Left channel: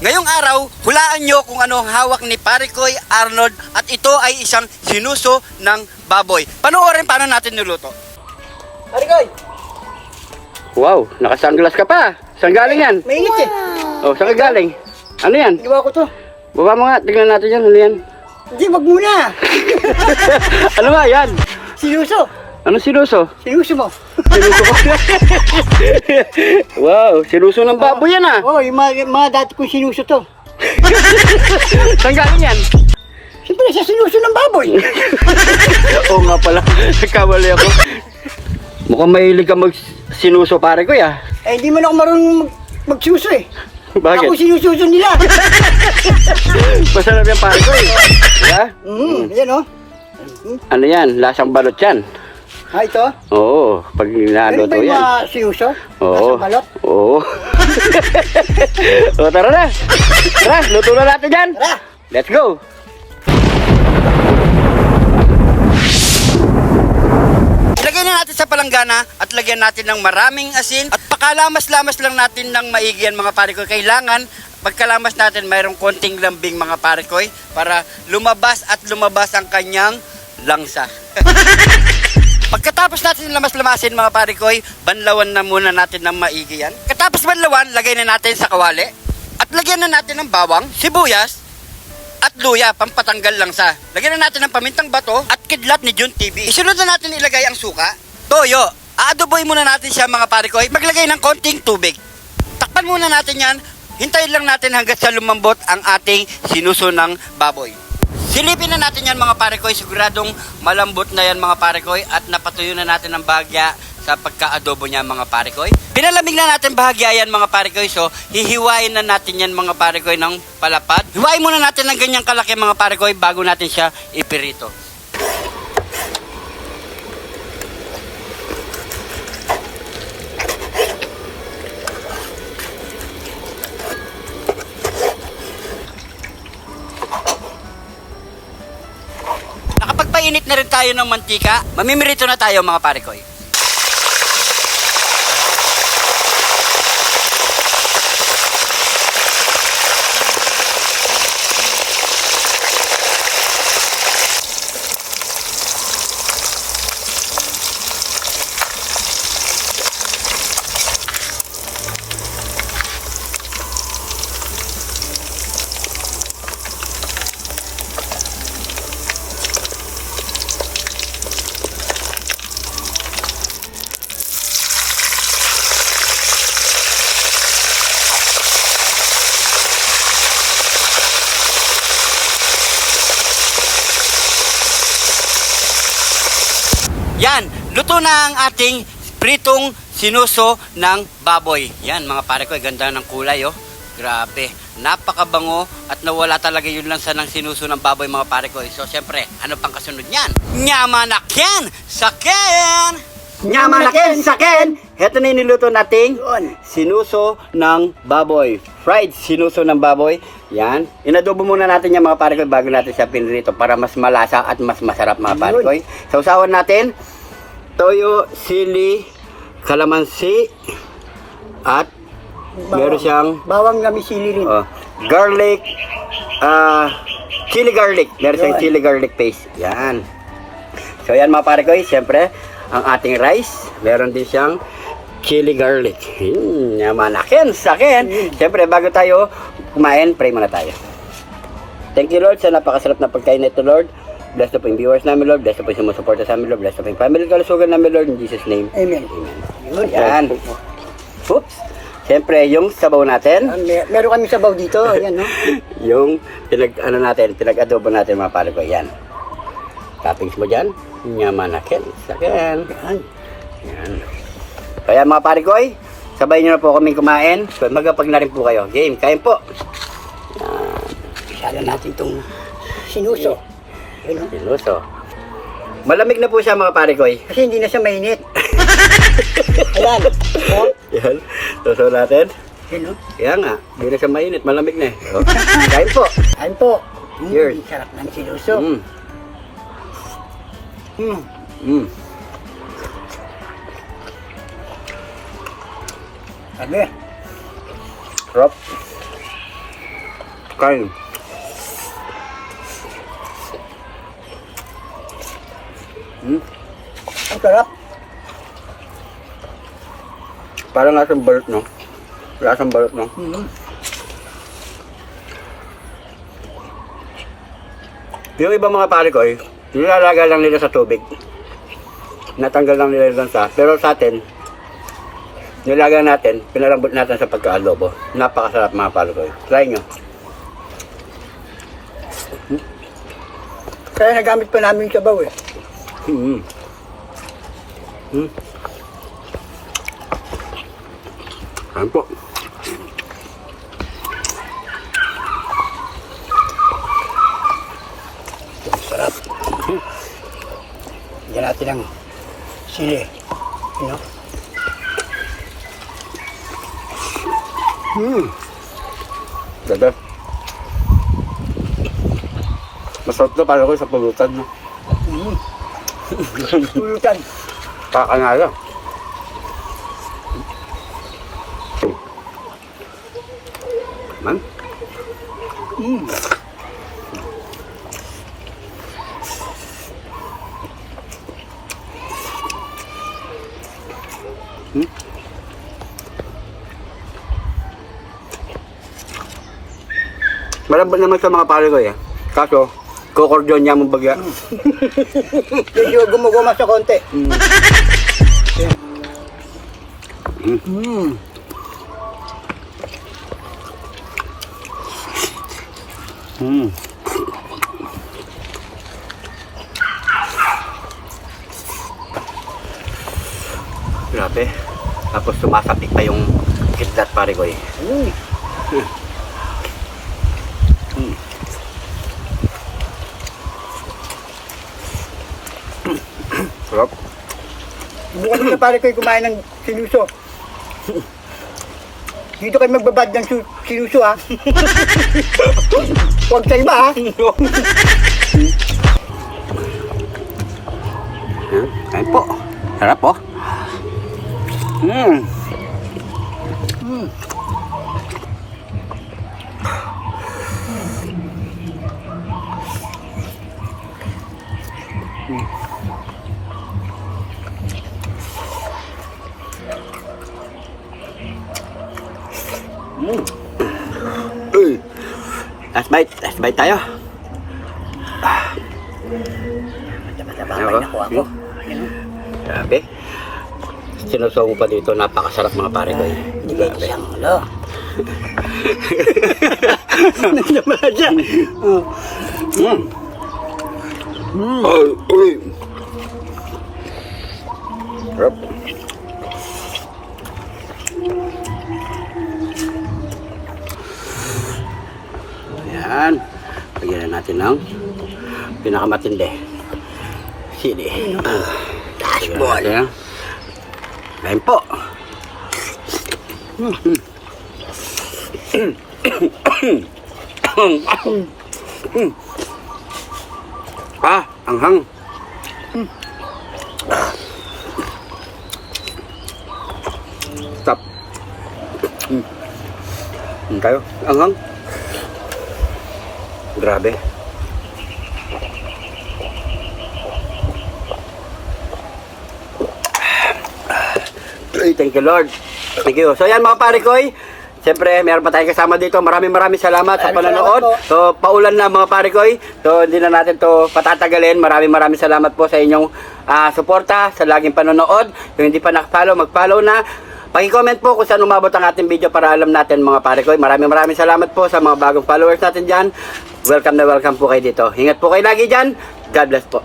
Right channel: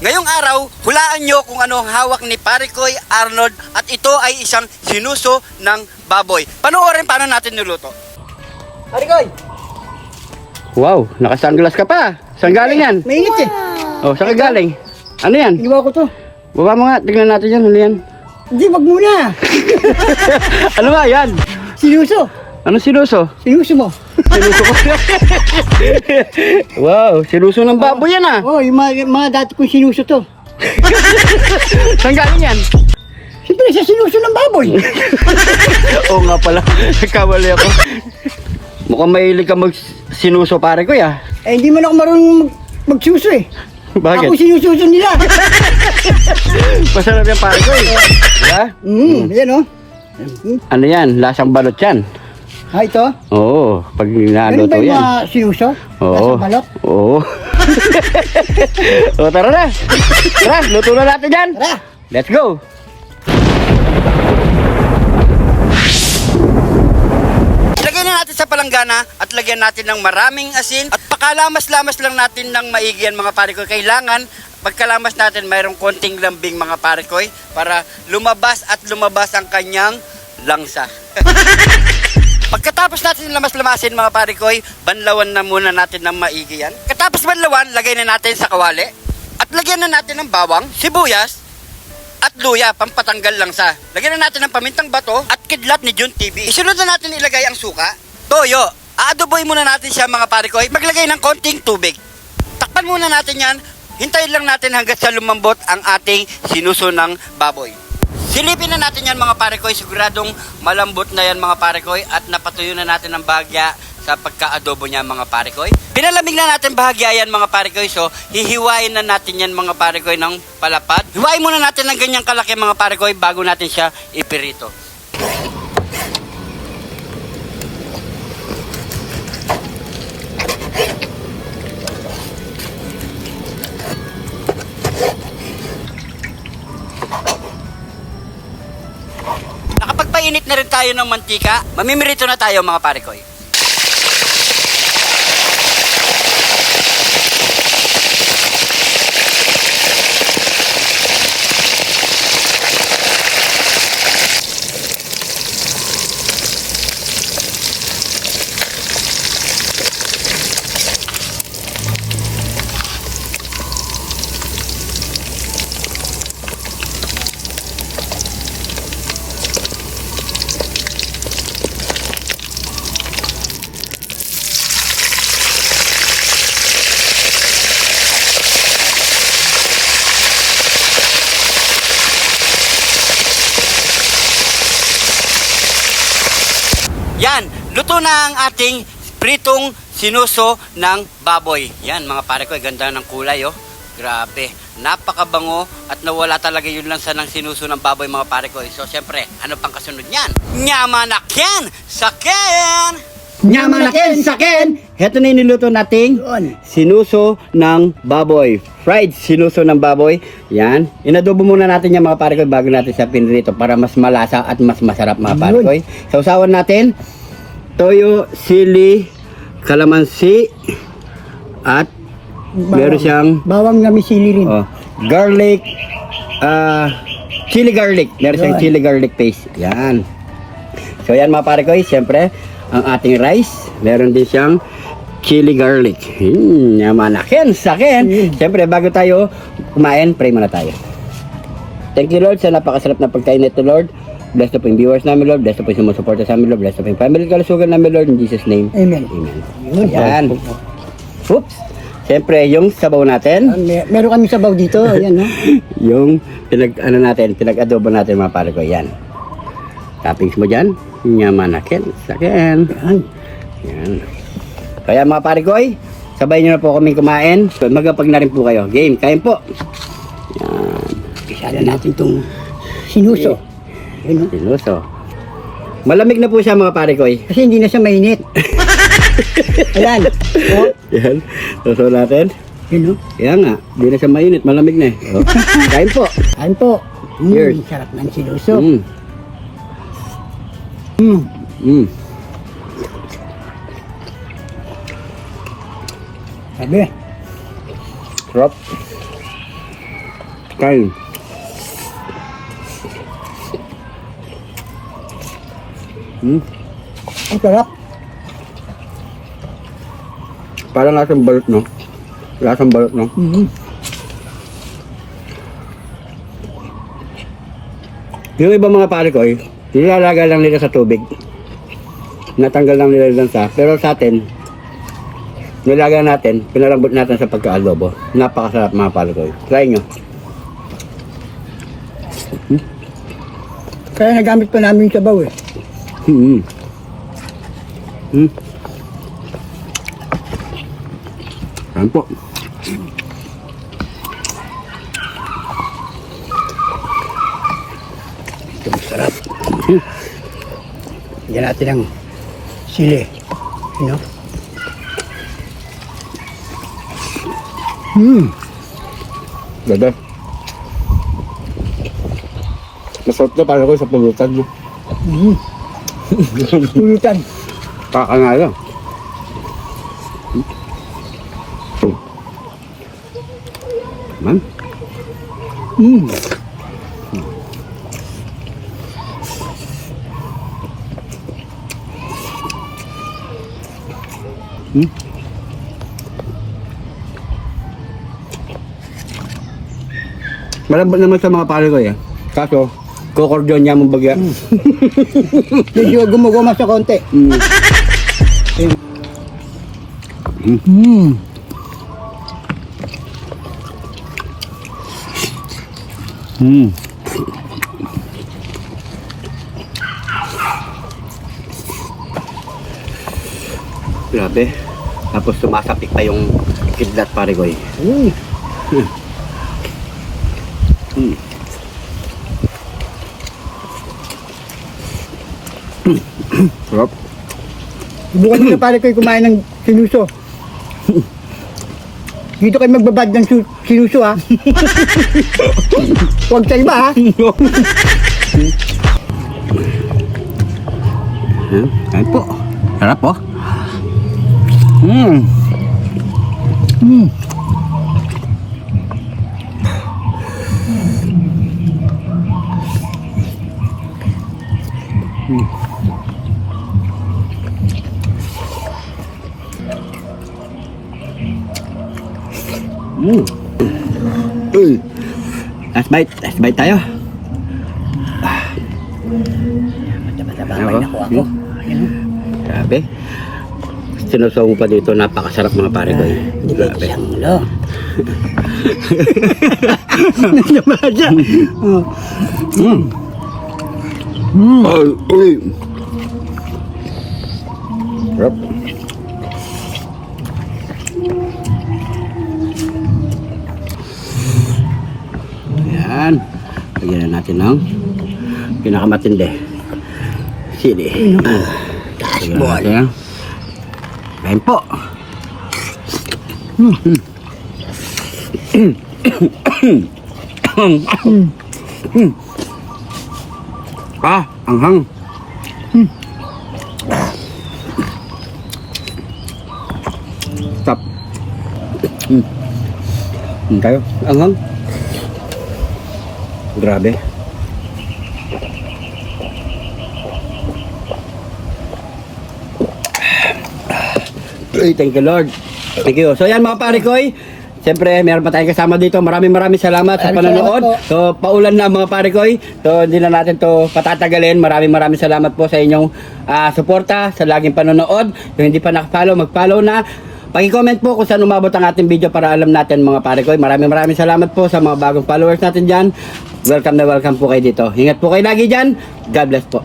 Ngayong araw, hulaan nyo kung ano ang hawak ni Parikoy Arnold at ito ay isang sinuso ng baboy. Panoorin paano natin niluto. Parikoy! Wow, naka-sunglass ka pa. Saan galing yan? Mainit eh. Oh, saan ka galing? Ano yan? Iwa ko to. Baba mo nga, tignan natin yan. Ano yan? Hindi, wag muna. Ano nga yan? Sinuso. Ano sinuso? Sinuso mo. Wow, sinuso ng baboy yan ah. Oh, yung mga dati kong sinuso to. Saan galing yan? Siyempre sa sinuso ng baboy. Oo nga pala. Nagkamali ako. Mukhang mahilig ka mag-sinuso pare ko ya. Eh, hindi man ako marunong magsuso eh. Bakit? Ako sinususo nila. Masarap yung pare ko. Yan oh. Ano yan? Lasang balot yan. Ah, ito? Oo, pag Ganun ninaluto ba yung yan. mga sinuso? Oo. Nasa balot? Oo. So tara na. Tara, luto na natin yan. Tara! Let's go. Ilagay na natin sa palanggana at lagyan natin ng maraming asin at pakalamas-lamas lang natin ng maigi yan mga Parikoy. Kailangan pagkalamas natin mayroong konting lambing mga Parikoy para lumabas at lumabas ang kanyang langsa. Pagkatapos natin lamas-lamasin mga Parikoy, banlawan na muna natin ng maigi yan. Katapos banlawan, lagay na natin sa kawali at lagyan na natin ng bawang, sibuyas at luya, pampatanggal langsa. Lagyan na natin ng pamintang bato at kidlat ni Jun TV. Isunod na natin ilagay ang suka, toyo. Aadoboy muna natin siya mga Parikoy. Maglagay ng konting tubig. Takpan muna natin yan. Hintayin lang natin hanggat sa lumambot ang ating sinuso ng baboy. Silipin na natin yan mga Parikoy. Siguradong malambot na yan mga Parikoy at napatuyo na natin ang bahagya sa pagka-adobo niya mga Parikoy. Pinalamig na natin bahagya yan mga Parikoy. So hihiwain na natin yan mga Parikoy ng palapad. Hiwain muna natin ng ganyang kalaki mga Parikoy bago natin siya ipirito. Nakapagpainit na rin tayo ng mantika. Mamimirito na tayo mga Parikoy. Yan, luto na ang ating pritong sinuso ng baboy. Yan mga Parikoy, ganda ng kulay oh. Grabe, napakabango at nawala talaga yun lang sa ng sinuso ng baboy mga Parikoy. So syempre, ano pang kasunod niyan? Nyamanakyan! Saken! Nyamanakin sakin! Heto na yung niluto nating sinuso ng baboy. Fried sinuso ng baboy. Yan. Inadobo muna natin yan mga Parikoy bago natin siya pinrito para mas malasa at mas masarap mga Parikoy. Sausawan natin toyo, sili, kalamansi at meron siyang Bawang na may sili rin. garlic, chili garlic. Meron siyang chili garlic paste. Yan. So yan mga Parikoy, siyempre ang ating rice, meron din siyang chili garlic. Yamanakin, sakin. Siyempre, bago tayo kumain, pray muna tayo. Thank you Lord sa napakasarap na pagkain nito Lord. Bless po yung viewers namin Lord. Bless po yung sumusuporta sa amin Lord. Bless po yung family kalusugan namin Lord. In Jesus name. Amen. Amen. Ayan. Oops. Siyempre, yung sabaw natin. Meron kami sabaw dito. Ayan no. Yung pinag-adobo natin mga pare ko. Yan. Toppings mo dyan. Yamanakin, sakin. Yan. Kaya mga pare ko, sabay nyo na po kaming kumain. Magapag na rin po kayo. Game, kain po. Yan. Isala natin itong sinuso. Sinuso. Malamig na po siya mga pare ko. Kasi hindi na siya mainit. Ayan. Yan. Suso natin. Yan o. Yan nga. Hindi na siya mainit. Malamig na eh. Oh. Kain po. Ayan po. Cheers. Sarap ng sinuso. Sabi. Sarap. Kain. Ang sarap. Parang lasang balot, no? Lasang balot, no? Yung ibang mga pare ko, nilalaga lang nila sa tubig. Natanggal lang nila yung lansa. Pero sa atin, nilaga natin, pinalambot natin sa pagka-adobo. Napakasarap mga pare ko. Try nyo. Kaya nagamit pa namin yung sabaw eh. Ayan po. Sarap. Yan natin ang sili. You know? Bebe. Masarap na pare ko sa pulutan. No? Pulutan. Kakangala. Man? Malambot naman sa mga pare ko eh. Kaso, kokordyon niya mong bagya. Medyo gumaguma sa konti. Grabe. Tapos sumasapik pa yung kidlat pare ko eh. Sarap. Subukan nyo na pare kayo kumain ng sinuso. Dito kayo magbabad ng sinuso ha. Huwag sa iba ha. Kain po. Sarap po. Last bite tayo. Matapay na po ako. Grabe. Sinusong pa dito, napakasarap mga pare ko. Hindi kayo isang ulo. Sarap. Ayan. Lagyan na natin ng pinakamatindi. Sili. Taas mo. Ayan po. Anghang. Stop. Tayo. Anghang. Grabe. Thank you Lord. Thank you. So yan mga pare koy. Siyempre, meron pa tayong kasama dito. Maraming salamat sa panonood. So, paulan na mga pare koy. So, hindi na natin to patatagalin. Maraming salamat po sa inyong suporta, sa laging panonood. Kung hindi pa nakapollow, mag-follow na. Paki-comment po kung saan umabot ang ating video para alam natin mga pare koy. Maraming salamat po sa mga bagong followers natin dyan. Welcome na welcome po kayo dito. Ingat po kayo lagi dyan. God bless po.